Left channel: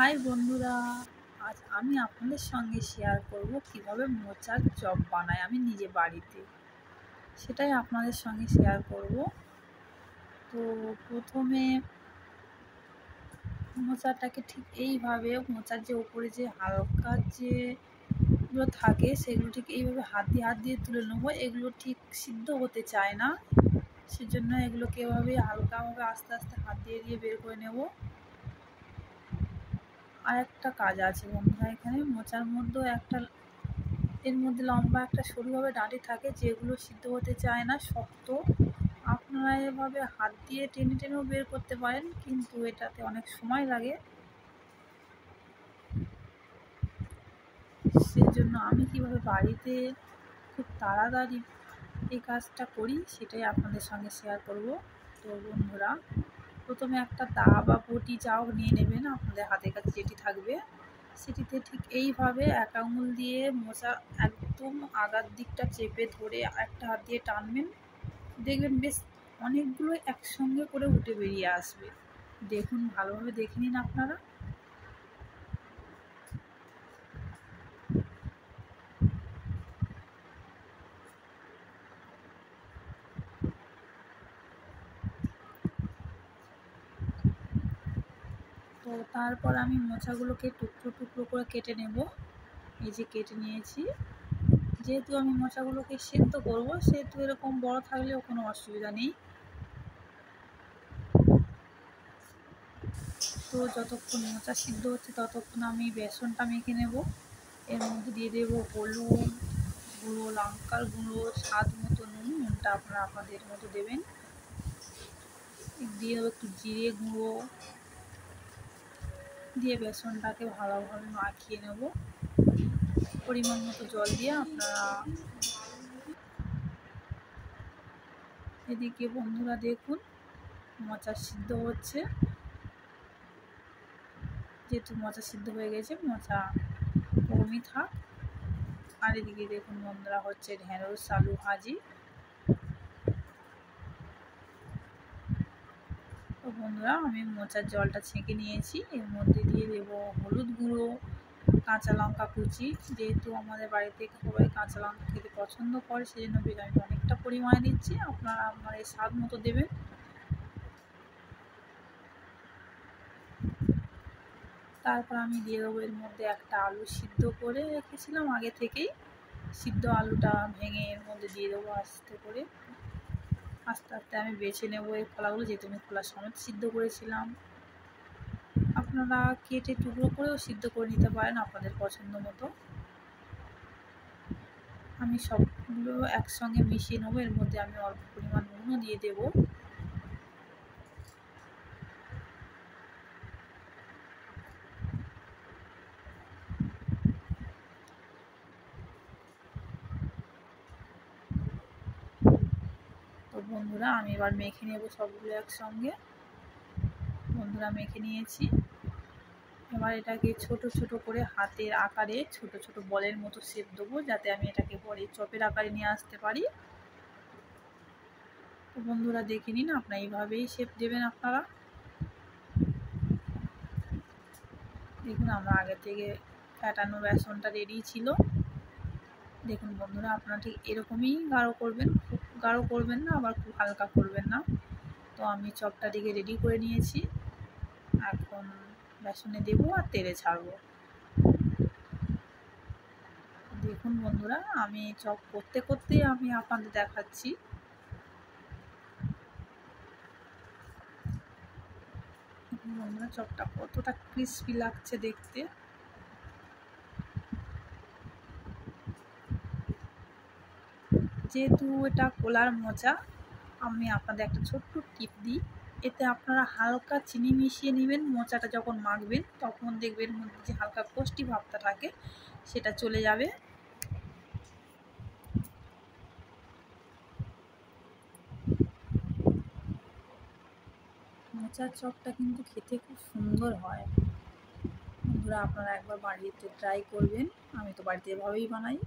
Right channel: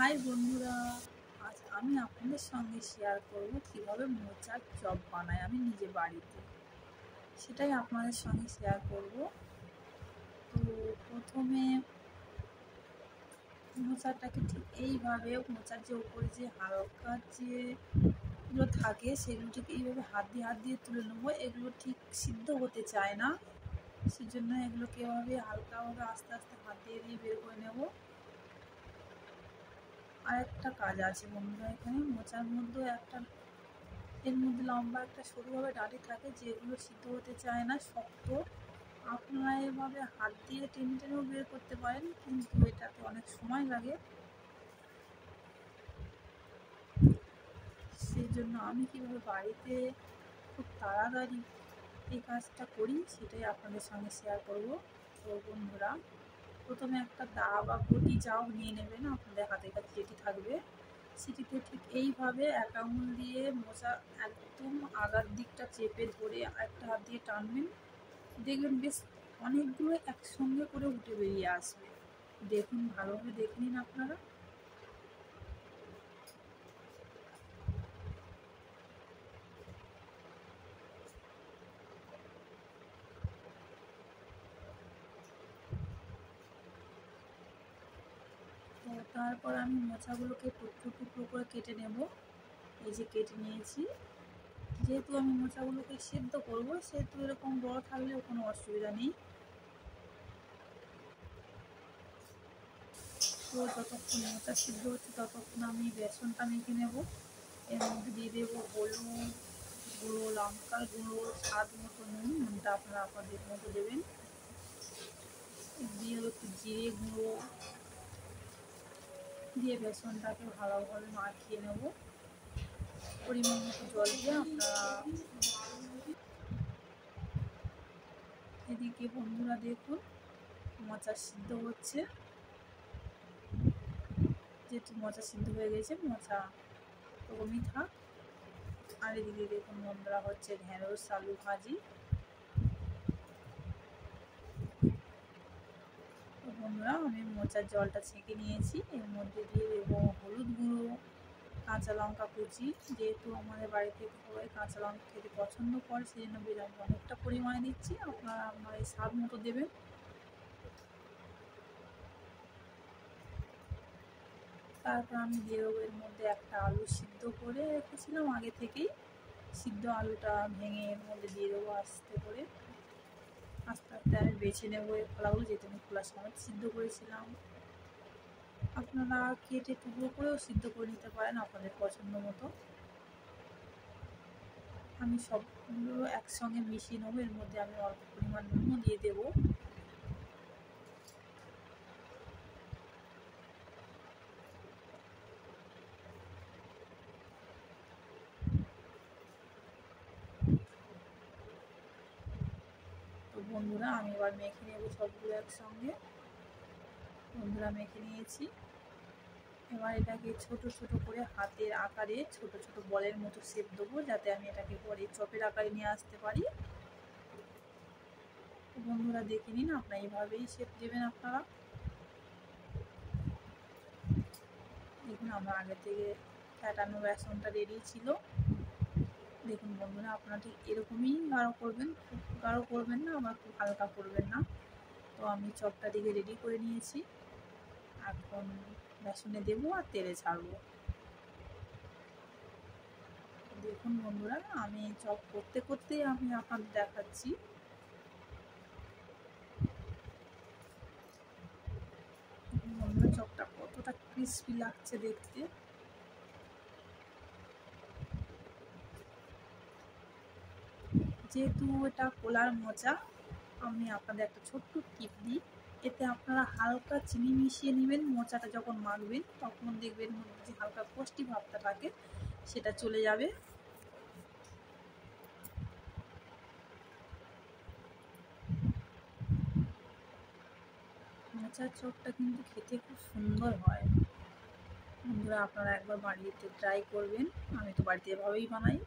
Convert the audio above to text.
High বন্ধুরা, আজ আমি আপনাদের সঙ্গে শেয়ার করব কিভাবে মোচার চপ বানাই আমি নিজে বাড়িতে। সেটাই আপনাদের সঙ্গে শেয়ার করব। তো প্রথমে মোচাটাকে ঠিক এইভাবে, মোচার যে উপরে যে হালকা যেগুলো থাকে সেগুলো ঠিক এইভাবে হাত দিয়ে তুলে নেবো। এগুলো ঠিক সিদ্ধ হতে চায় না, সেজন্য এগুলোকে এভাবে হালকাভাবে আস্তে আস্তে হাত দিয়ে বের করে নেব। আর একটা কাজ আছে বন্ধুরা, এখানে মোচার মধ্যেও এর মধ্যে লম্বা একটা সরুভাবে ডাঁটি থাকে, যেগুলো সিদ্ধ হতে চায় না, শক্ত। আপনারা এভাবে হাত দিয়ে টেনে টেনেও বের করতে পারেন, কিন্তু এটাতে অনেক সময় লাগে। সেজন্য আমি কিভাবে বাড়িতে খুব তাড়াতাড়ি এই কাজটা করি সেটাই আপনাদের সঙ্গে শেয়ার করব। তো বন্ধুরা, প্রথমে একটা দা বা বটি যাও নিয়ে নেবেন, আপনাদের হাতের কাছে যেটি থাকবে সেটিতে ঠিক এইভাবে এক আঙুল দিয়ে মোচা একদম আগার দিকটা চেপে ধরে একটা হাত দিয়ে টানবেন, দেখবেন বেশ অনেকগুলো একসঙ্গে করে উঠে বেরিয়ে আসবে। দেখুন, ভালোভাবে দেখে নিন আপনারা। তো তারপর আমি মোচাগুলোকে টুকরো টুকরো করে কেটে নেব। এই যে কেটে নিয়েছি। যেহেতু আমি মোচাগুলোকে সেদ্ধ করব, সেহেতু এরকম বড় থাকলেও কোনো অসুবিধা নেই। তো যতক্ষণ মোচা সিদ্ধ হচ্ছে ততক্ষণ আমি বেসনটা মেখে নেব। এর মধ্যে দিয়ে দেবো হলুদ গুঁড়ো, লঙ্কার গুঁড়ো, স্বাদ মতো নুনটা আপনারা আপনাদের মতো দেবেন। দিয়ে দেবো একটু জিরে গুঁড়ো, দিয়ে বেসনটাকে ভালোভাবে মাখিয়ে নেব। পরিমাণ মতো জল দিয়ে আপনারা এদিকে বন্ধুরা দেখুন মোচা সিদ্ধ হচ্ছে। যেহেতু মোচা সিদ্ধ হয়ে গেছে, মোচা ওরমই থাক। আর এদিকে দেখুন বন্ধুরা, হচ্ছে ঢেঁড়স আলু ভাজি। তো বন্ধুরা, আমি মোচার জলটা ছেঁকে নিয়েছি। এর মধ্যে দিয়ে দেবো হলুদ গুঁড়ো, কাঁচা লঙ্কা কুচি। যেহেতু আমাদের বাড়িতে সবাই কাঁচা লঙ্কা খেতে পছন্দ করে, সেই জন্য আমি অনেকটা পরিমাণে দিচ্ছি। আপনারা আপনার এই স্বাদ মতো দেবেন। তারপর আমি দিয়ে দেবো এর মধ্যে একটা আলু সিদ্ধ করে রেখেছিলাম আগে থেকেই। সিদ্ধ আলুটা ভেঙে এর মধ্যে দিয়ে দেবো আস্তে করে। আস্তে আস্তে আমি বেছে নেবো এই খোলাগুলো, যেহেতু আমি খোলা সমেত সিদ্ধ করেছিলাম। আপনারা কেটে টুকরো করেও সিদ্ধ করে নিতে পারেন আপনাদের পছন্দ মতো। আমি সবগুলো একসঙ্গে মিশিয়ে নেবো। এর মধ্যে আমি অল্প পরিমাণ নুনও দিয়ে দেবো। তো বন্ধুরা, আমি এবার মেখে নেবো সবগুলো একসঙ্গে। বন্ধুরা, মেখে নিয়েছি। এবার এটাকে ছোট ছোট করে হাতের আকারে ছোট ছোট বলের মতো শেপ দেবো, যাতে আমি এটাকে পরে চপের আকারে নিয়ে আসতে পারি। তো বন্ধুরা দেখে নিন, আপনারা এইভাবেই শেপ দেবেন আপনারা। দেখুন, আমার আগে থেকে ফ্যাটানো বেসনটা রেডি ছিল। দেখুন বন্ধুরা, আপনারা ঠিক এরকমই গাঢ় করবেন, খুব গাঢ় করবেন না, আবার খুব হালকা করবেন না। তো আমি চপটা দিকে রেডি করে নিয়েছি। এখন বেসনে দেবো আর তেলে ছাড়বো। দেখুন বন্ধুরা, আমি চপ করতে করতে আমি আপনাদের দেখাচ্ছি। বন্ধুরা, চপটা কতটা ক্রিস্পি লাগছে দেখতে। যেহেতু এটা কোলার মোচা, আমি আপনাদের একটা ছোট্ট টিপ দিই। এতে আপনারা হালকা চিনি মিশিয়ে নেবেন। মোচাটা যখন মাখবেন তখন দেখবেন মধ্যে যে হালকা কষ্টি ভাবটা থাকে সেটা চলে যাবে। মোচার চপটা কিন্তু খেতে খুব সুন্দর হয়। বন্ধুরা, আপনারা একবার বাড়িতে ট্রাই করবেন। আমি তো বাড়িতে এভাবেই বানাই।